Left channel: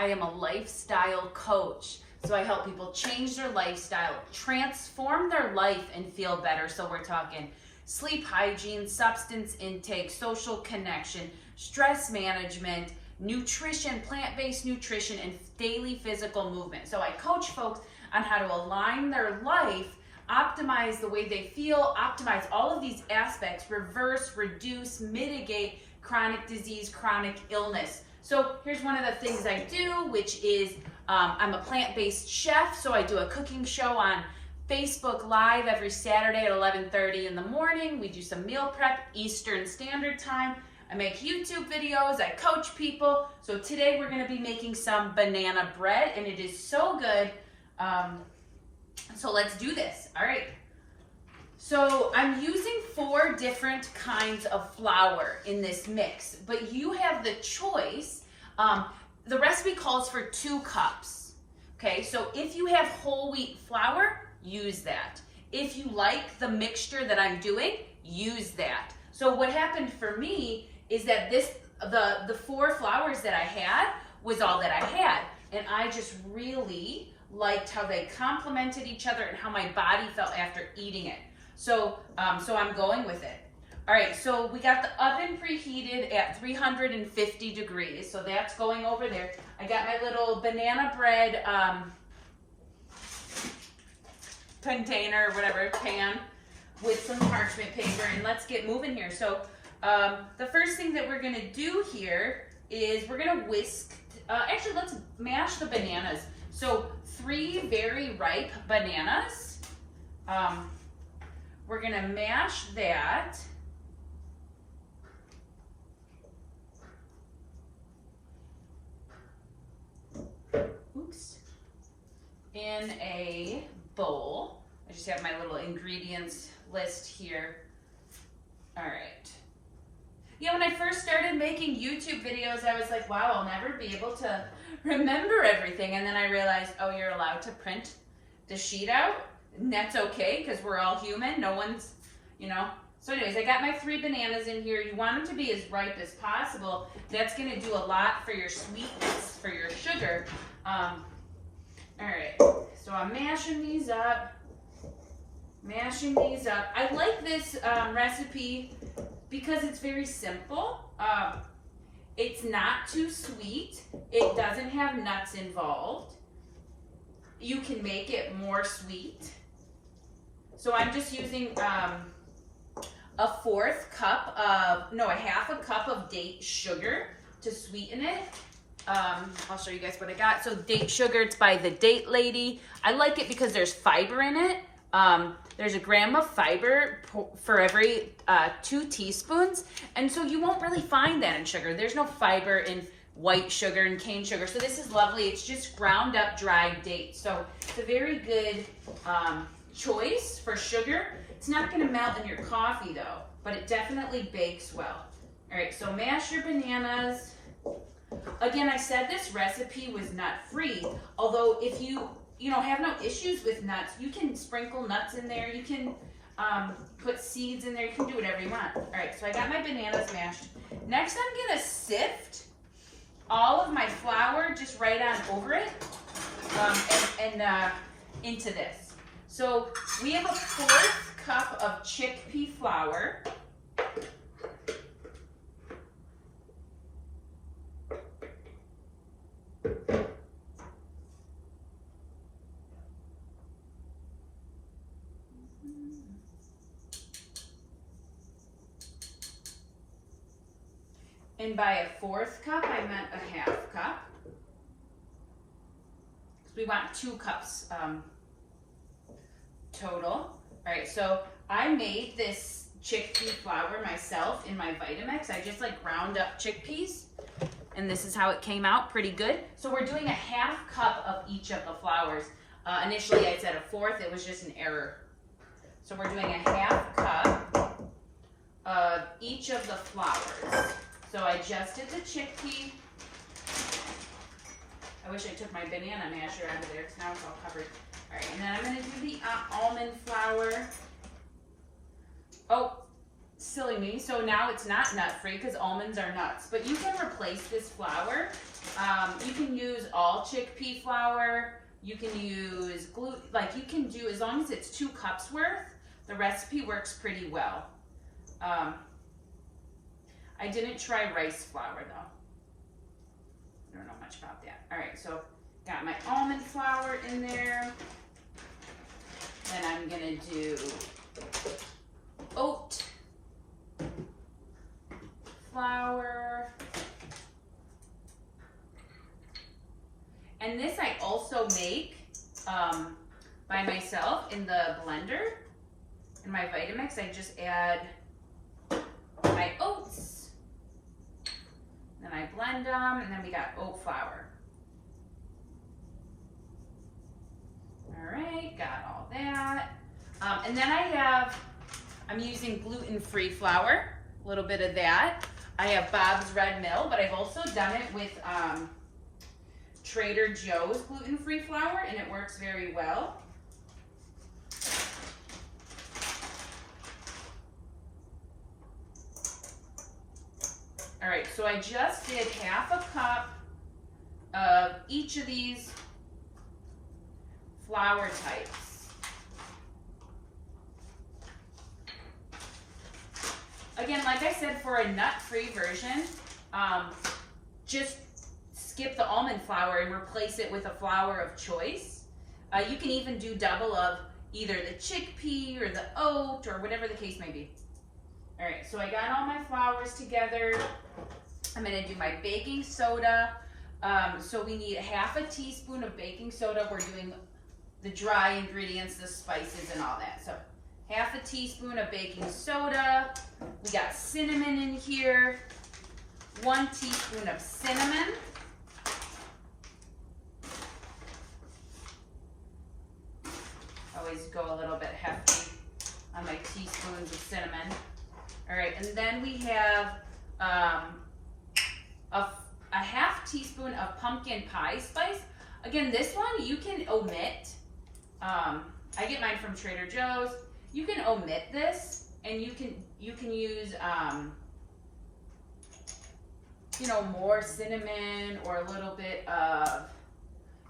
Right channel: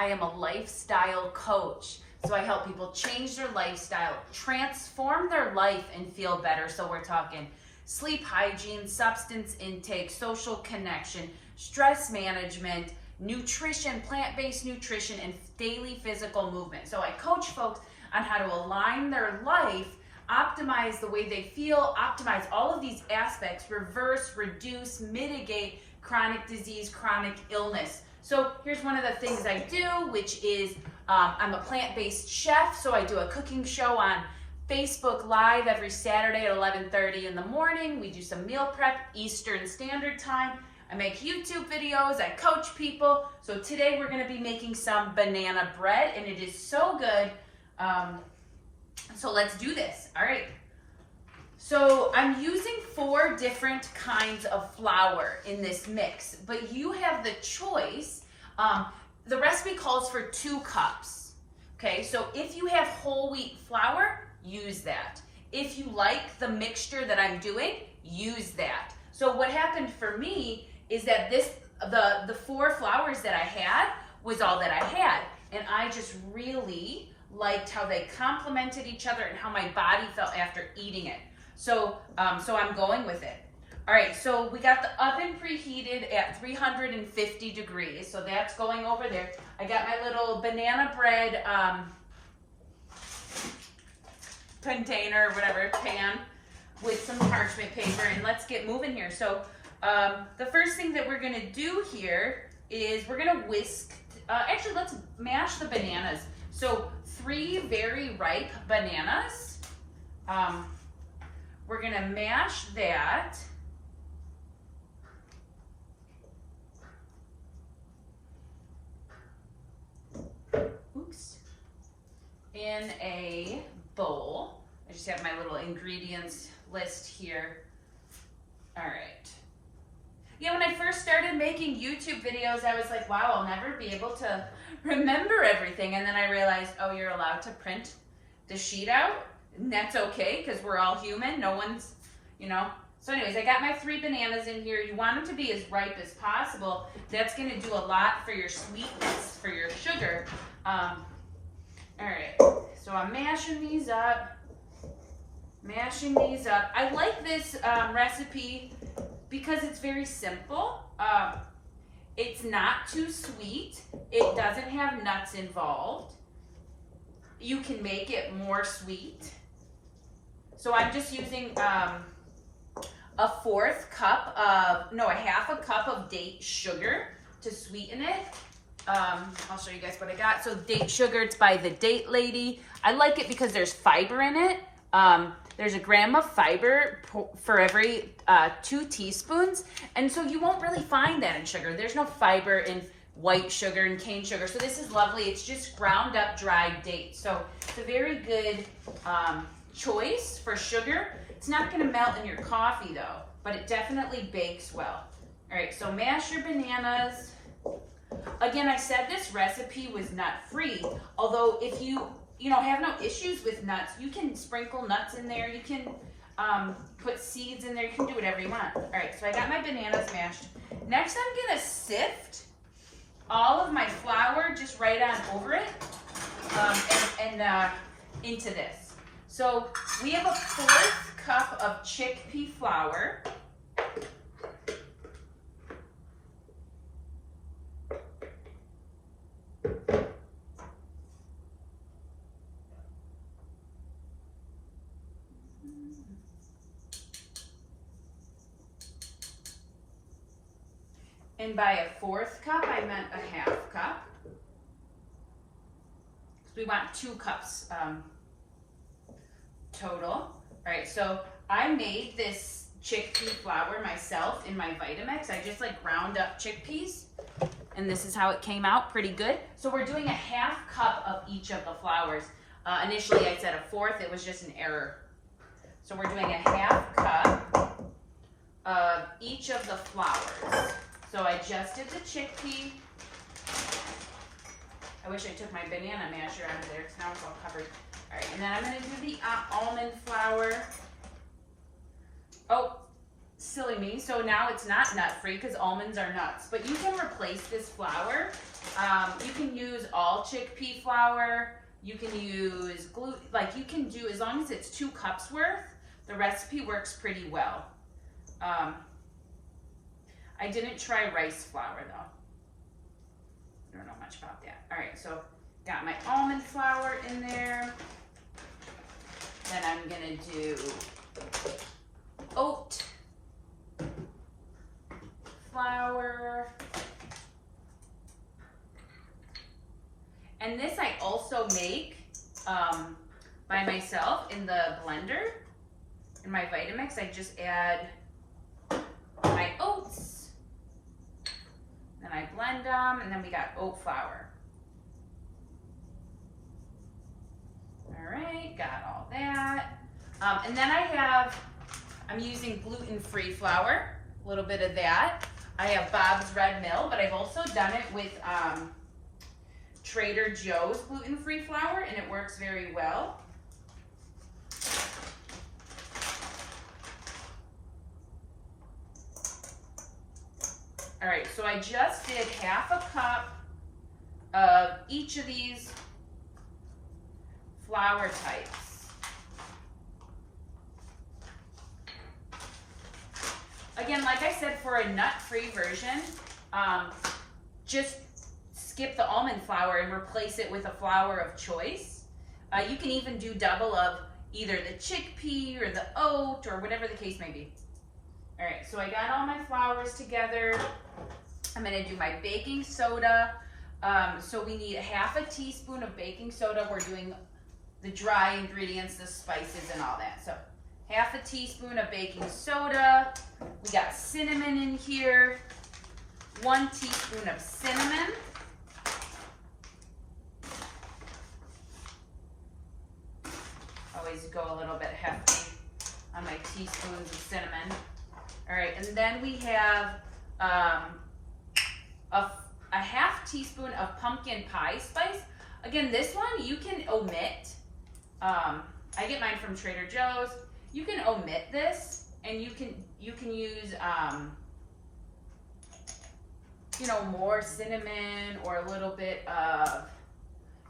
I am a lifestyle coach. So I help people change their lifestyle, transform their life, and feel better. So we're talking sleep hygiene, substance intake, social connection, stress management, nutrition, plant-based nutrition, and daily physical movement. So I coach folks on how to align their life, optimize the way they feel, optimize all of these aspects, reverse, reduce, mitigate chronic disease, chronic illness. So here's one of the things I do, which is I'm a plant-based chef, so I do a cooking show on Facebook Live every Saturday at 11:30 in the morning. We do some meal prep, Eastern Standard Time. I make YouTube videos, I coach people. So today we're gonna be making some banana bread, and it is so good. So let's do this, all right. So I'm using 4 different kinds of flour in this mix, but you have the choice. The recipe calls for 2 cups, okay? So if you have whole wheat flour, use that. If you like the mixture that I'm doing, use that. So what happened for me is that the 4 flours that I had was all that I had, and I just really liked how they complemented each other and how my body felt after eating it. So I'm going with it. All right, so we got the oven preheated at 350 degrees. So that's going over there. I got my little banana bread container, whatever, pan with some parchment paper, and let's get moving here. So the first thing that we're gonna do here is we're gonna whisk, actually let's mash the bananas. So 3 very ripe bananas. We're gonna mash that. Oops. In a bowl. I just have my little ingredients list here. All right. Yeah, when I first started making YouTube videos, I was like, wow, I'll never be able to remember everything. And then I realized, oh, you're allowed to print the sheet out. And that's okay, because we're all human. No one's, you know. So anyways, I got my 3 bananas in here. You want them to be as ripe as possible. That's going to do a lot for your sweetness, for your sugar. All right, so I'm mashing these up. I like this recipe because it's very simple. It's not too sweet. It doesn't have nuts involved. You can make it more sweet. So I'm just using a half a cup of date sugar to sweeten it. I'll show you guys what I got. So date sugar, it's by the Date Lady. I like it because there's fiber in it. There's 1 gram of fiber for every 2 teaspoons. And so you won't really find that in sugar. There's no fiber in white sugar and cane sugar. So this is lovely. It's just ground up dried dates. So it's a very good choice for sugar. It's not gonna melt in your coffee though, but it definitely bakes well. All right, so mash your bananas. Again, I said this recipe was nut-free, although if you have no issues with nuts, you can sprinkle nuts in there. You can put seeds in there. You can do whatever you want. All right, so I got my bananas mashed. Next, I'm gonna sift all of my flour just right on over it and into this. So we have a 1/4 cup of chickpea flour. And by a 1/4 cup, I meant a 1/2 cup. Because we want 2 cups total. All right, so I made this chickpea flour myself in my Vitamix. I just like ground up chickpeas, and this is how it came out, pretty good. So we're doing a 1/2 cup of each of the flours. Initially I said a 1/4, it was just an error. So we're doing a 1/2 cup of each of the flours. So I just did the chickpea. I wish I took my banana masher out of there because now it's all covered. All right, and then I'm gonna do the almond flour. Oh, silly me. So now it's not nut free because almonds are nuts, but you can replace this flour. You can use all chickpea flour. You can use gluten, like you can do, as long as it's 2 cups worth, the recipe works pretty well. I didn't try rice flour though. I don't know much about that. All right, so got my almond flour in there. Then I'm gonna do oat flour. And this I also make by myself in the blender. In my Vitamix, I just add my oats. Then I blend them, and then we got oat flour. All right, got all that. And then I'm using gluten-free flour, a little bit of that. I have Bob's Red Mill, but I've also done it with Trader Joe's gluten-free flour, and it works very well. All right, so I just did half a cup of each of these flour types. Again, like I said, for a nut-free version, just skip the almond flour and replace it with a flour of choice. You can even do double of either the chickpea or the oat or whatever the case may be. All right, so I got all my flours together. I'm gonna do my baking soda. So we need half a teaspoon of baking soda. We're doing the dry ingredients, the spices and all that. So half a teaspoon of baking soda. We got cinnamon in here. 1 teaspoon of cinnamon. Always go a little bit hefty on my teaspoons of cinnamon. All right, and then we have a half teaspoon of pumpkin pie spice. Again, this one you can omit. I get mine from Trader Joe's. You can omit this, and you can use you know, more cinnamon or a little bit of,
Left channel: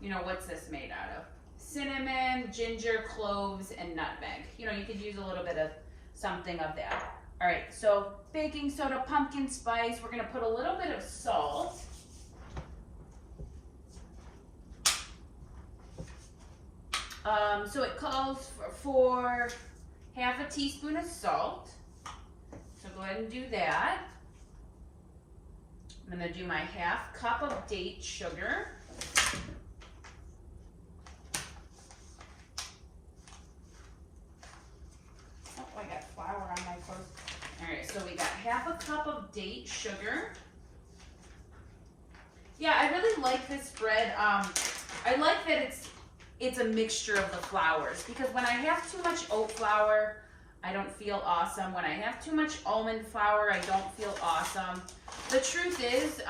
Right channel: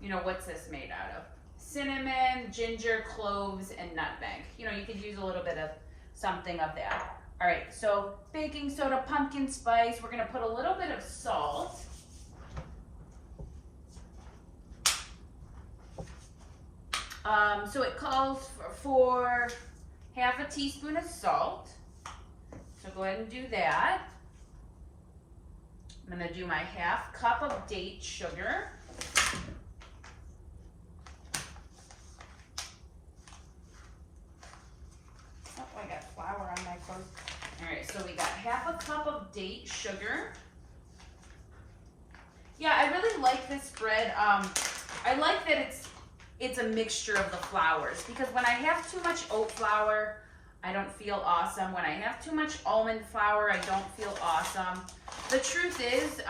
you know, what's this made out of? Cinnamon, ginger, cloves, and nutmeg. You know, you could use a little bit of something of that. All right, so baking soda, pumpkin spice. We're gonna put a little bit of salt. So it calls for half a teaspoon of salt. So go ahead and do that. I'm gonna do my half cup of date sugar. Oh, I got flour on my clothes. All right, so we got half a cup of date sugar. Yeah, I really like this bread. I like that it's a mixture of the flours, because when I have too much oat flour, I don't feel awesome. When I have too much almond flour, I don't feel awesome. The truth is,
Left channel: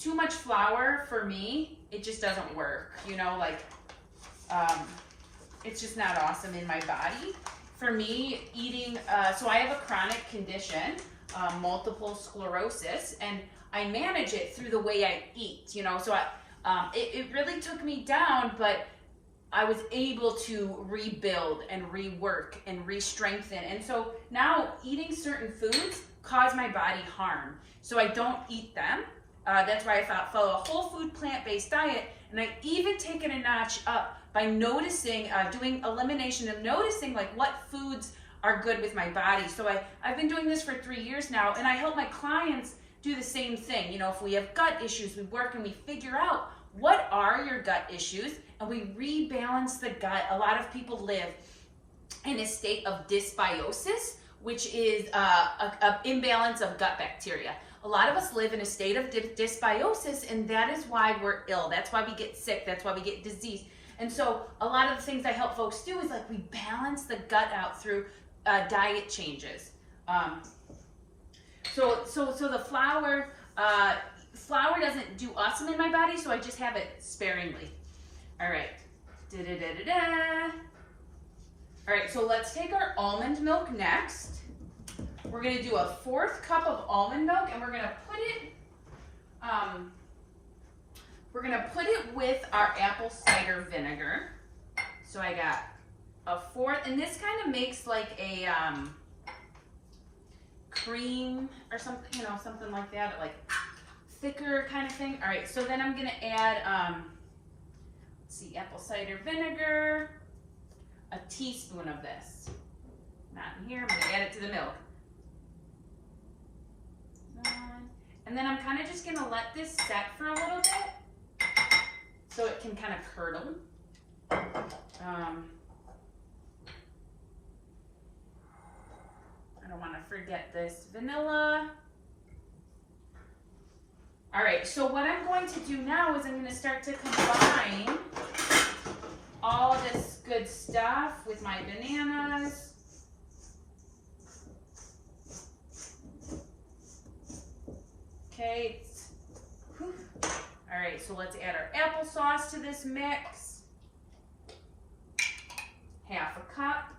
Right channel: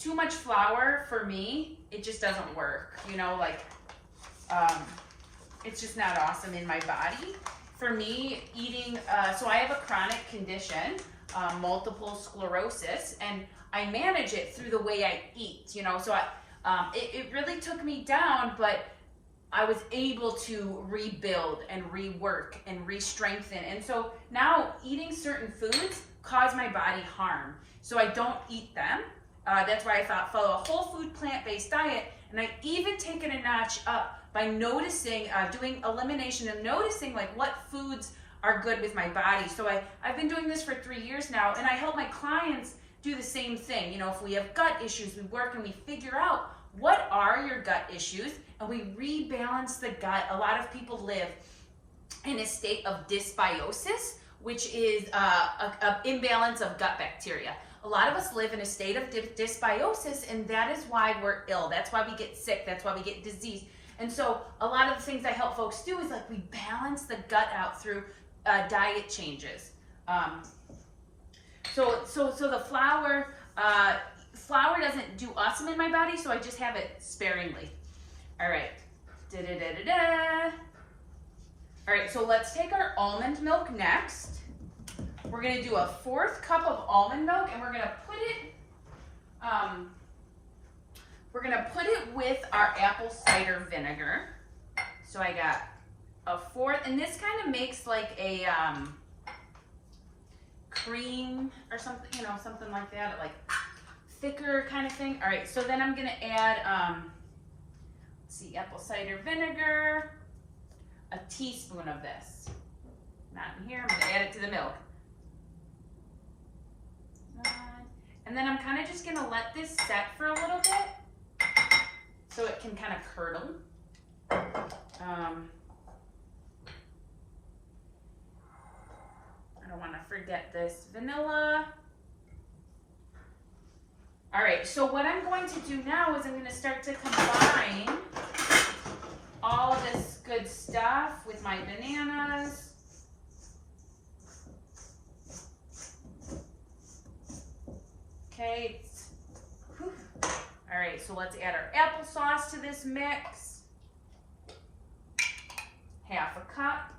too much flour for me, it just doesn't work. You know, like, it's just not awesome in my body. For me, eating, so I have a chronic condition, multiple sclerosis, and I manage it through the way I eat, you know, so it really took me down, but I was able to rebuild and rework and re-strengthen. And so now eating certain foods cause my body harm. So I don't eat them. That's why I follow a whole food plant-based diet. And I even taken a notch up by noticing, doing elimination and noticing like what foods are good with my body. So I've been doing this for 3 years now, and I help my clients do the same thing. You know, if we have gut issues, we work and we figure out what are your gut issues, and we rebalance the gut. A lot of people live in a state of dysbiosis, which is an imbalance of gut bacteria. A lot of us live in a state of dysbiosis, and that is why we're ill. That's why we get sick. That's why we get disease. And so a lot of the things I help folks do is like we balance the gut out through diet changes. So the flour doesn't do awesome in my body, so I just have it sparingly. All right. All right, so let's take our almond milk next. We're gonna do a 1/4 cup of almond milk, and we're gonna put it with our apple cider vinegar. So I got a 1/4, and this kind of makes like a cream or something, you know, something like that, like thicker kind of thing. All right, so then I'm gonna add, let's see, apple cider vinegar, a teaspoon of this. Not in here, I'm gonna add it to the milk. And then I'm kind of just gonna let this set for a little bit so it can kind of curdle. I don't want to forget this vanilla. All right, so what I'm going to do now is I'm going to start to combine all of this good stuff with my bananas. Okay. Whew. All right, so let's add our applesauce to this mix. 1/2 cup.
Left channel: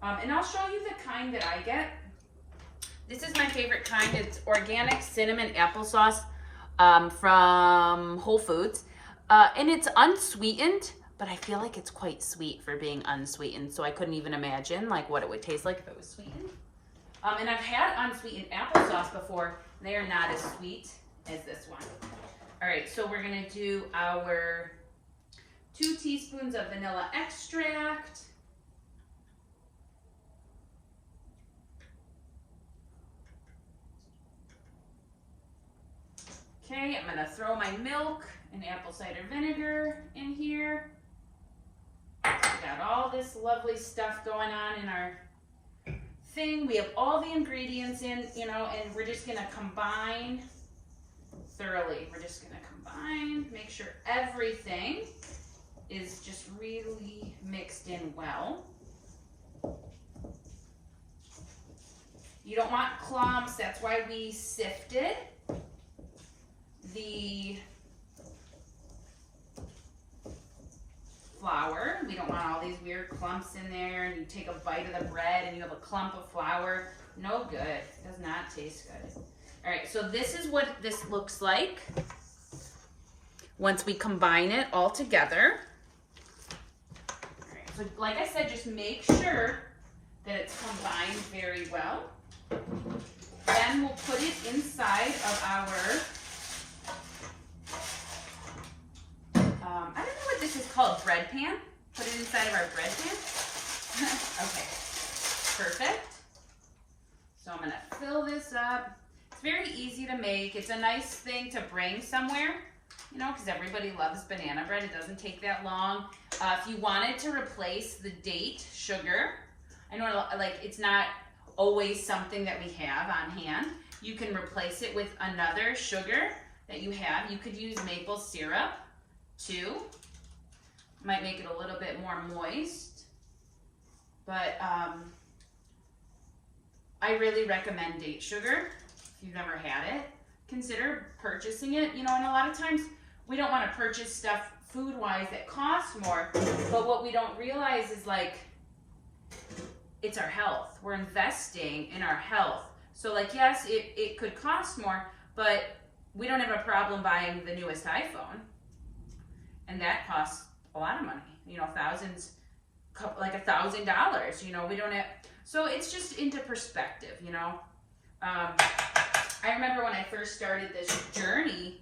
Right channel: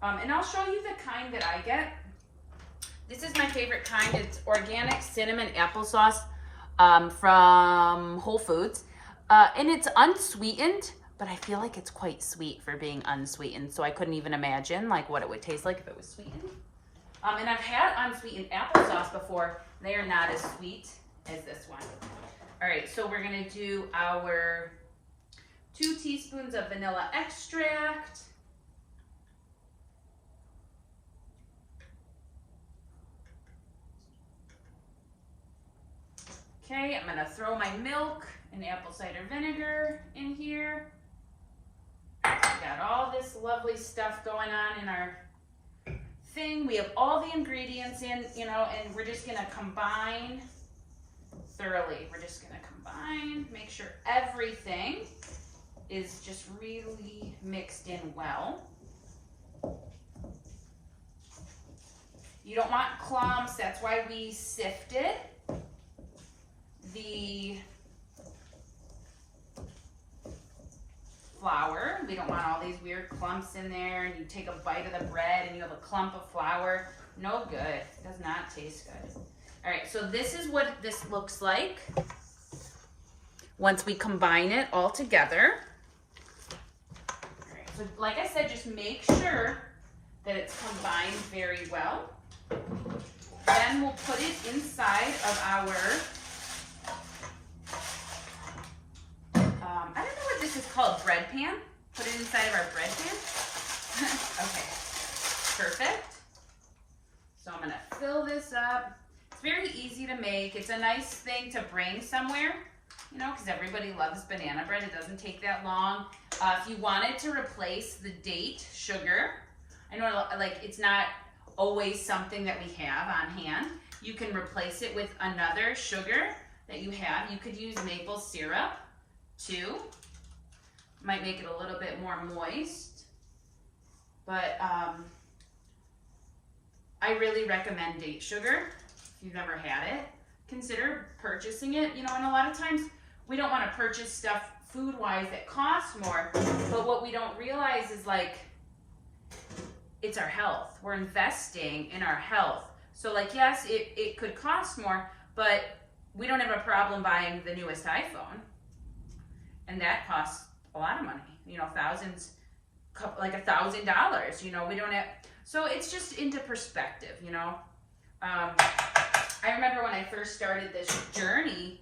And I'll show you the kind that I get. This is my favorite kind. It's organic cinnamon applesauce from Whole Foods. And it's unsweetened, but I feel like it's quite sweet for being unsweetened. So I couldn't even imagine like what it would taste like if it was sweetened. And I've had unsweetened applesauce before. They are not as sweet as this one. All right, so we're gonna do our 2 teaspoons of vanilla extract. Okay, I'm gonna throw my milk and apple cider vinegar in here. We got all this lovely stuff going on in our thing. We have all the ingredients in, you know, and we're just gonna combine thoroughly. We're just gonna combine, make sure everything is just really mixed in well. You don't want clumps, that's why we sifted the flour. We don't want all these weird clumps in there, and you take a bite of the bread and you have a clump of flour. No good. It does not taste good. All right, so this is what this looks like once we combine it all together. All right, so like I said, just make sure that it's combined very well. Then we'll put it inside of our I don't know what this is called, bread pan. Put it inside of our bread pan. Okay, perfect. So I'm gonna fill this up. It's very easy to make. It's a nice thing to bring somewhere, you know, because everybody loves banana bread. It doesn't take that long. If you wanted to replace the date sugar, I know like it's not always something that we have on hand. You can replace it with another sugar that you have. You could use maple syrup too. Might make it a little bit more moist, but I really recommend date sugar. If you've never had it, consider purchasing it. You know, and a lot of times we don't want to purchase stuff food-wise that costs more, but what we don't realize is like it's our health. We're investing in our health. So like, yes, it could cost more, but we don't have a problem buying the newest iPhone. And that costs a lot of money, you know, thousands, like $1,000, you know, we don't have, so it's just into perspective, you know. I remember when I first started this journey,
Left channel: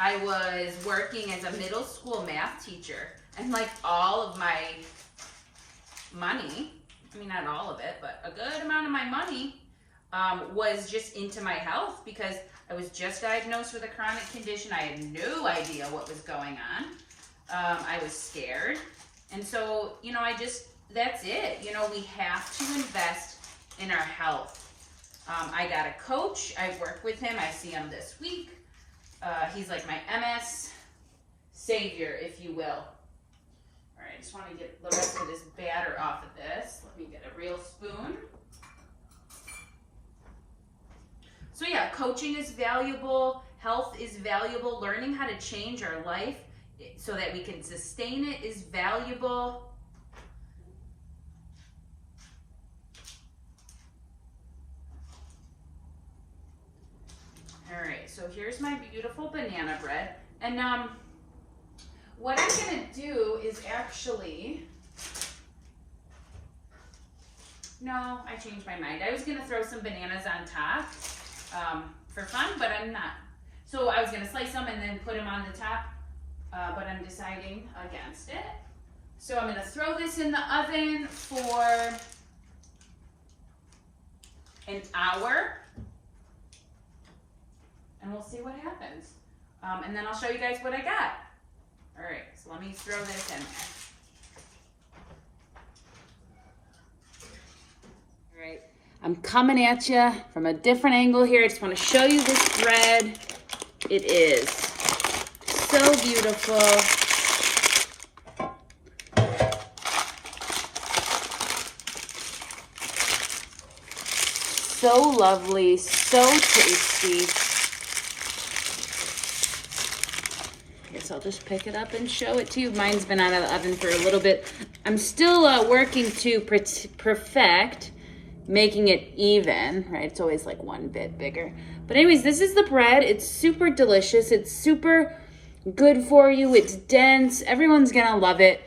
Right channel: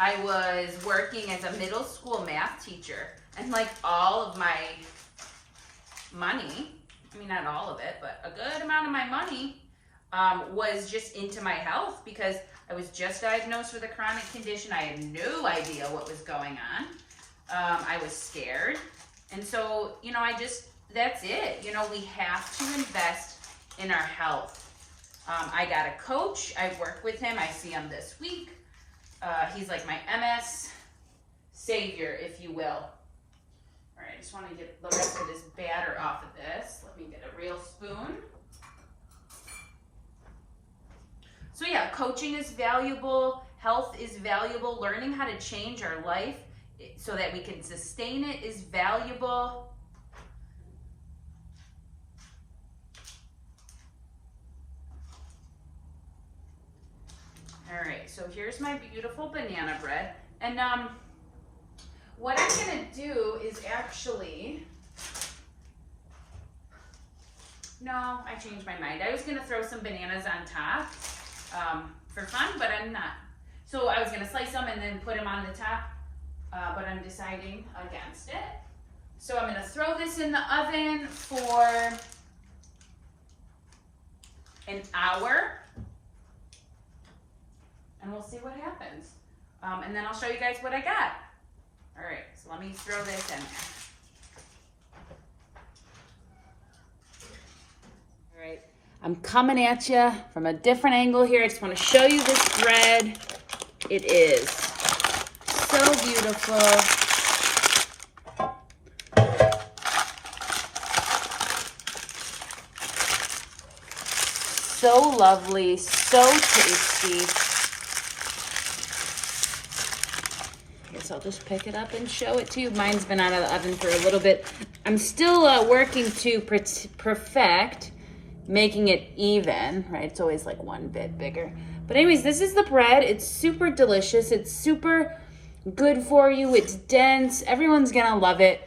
I was working as a middle school math teacher, and like all of my money, I mean, not all of it, but a good amount of my money was just into my health because I was just diagnosed with a chronic condition. I had no idea what was going on. I was scared. And so, you know, that's it. You know, we have to invest in our health. I got a coach. I work with him. I see him this week. He's like my MS savior, if you will. All right, I just want to get the rest of this batter off of this. Let me get a real spoon. So yeah, coaching is valuable. Health is valuable. Learning how to change our life, so that we can sustain it is valuable. All right, so here's my beautiful banana bread. And what I'm gonna do is actually, no, I changed my mind. I was gonna throw some bananas on top for fun, but I'm not. So I was gonna slice them and then put them on the top, but I'm deciding against it. So I'm gonna throw this in the oven for an hour. And we'll see what happens. And then I'll show you guys what I got. All right, so let me throw this in there. All right, I'm coming at you from a different angle here. I just want to show you this bread. It is so beautiful. So lovely, so tasty. I'll just pick it up and show it to you. Mine's been out of the oven for a little bit. I'm still working to perfect making it even, right? It's always like one bit bigger. But anyways, this is the bread. It's super delicious. It's super good for you. It's dense. Everyone's gonna love it.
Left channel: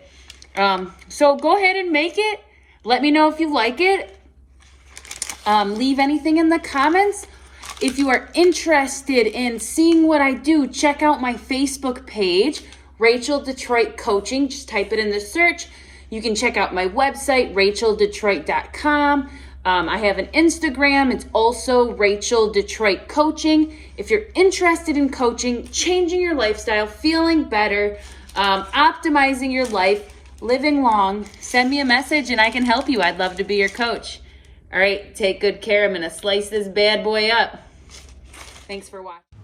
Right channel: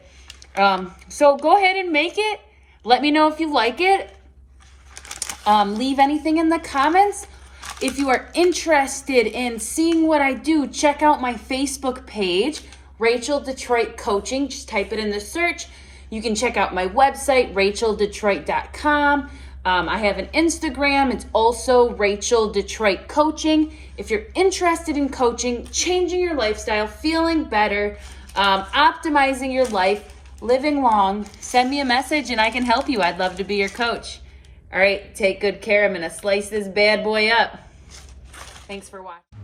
So go ahead and make it. Let me know if you like it. Leave anything in the comments. If you are interested in seeing what I do, check out my Facebook page, Rachel Detroit Coaching. Just type it in the search. You can check out my website, racheldetroit.com. I have an Instagram. It's also Rachel Detroit Coaching. If you're interested in coaching, changing your lifestyle, feeling better, optimizing your life, living long, send me a message and I can help you. I'd love to be your coach. All right, take good care. I'm going to slice this bad boy up. Thanks for watching.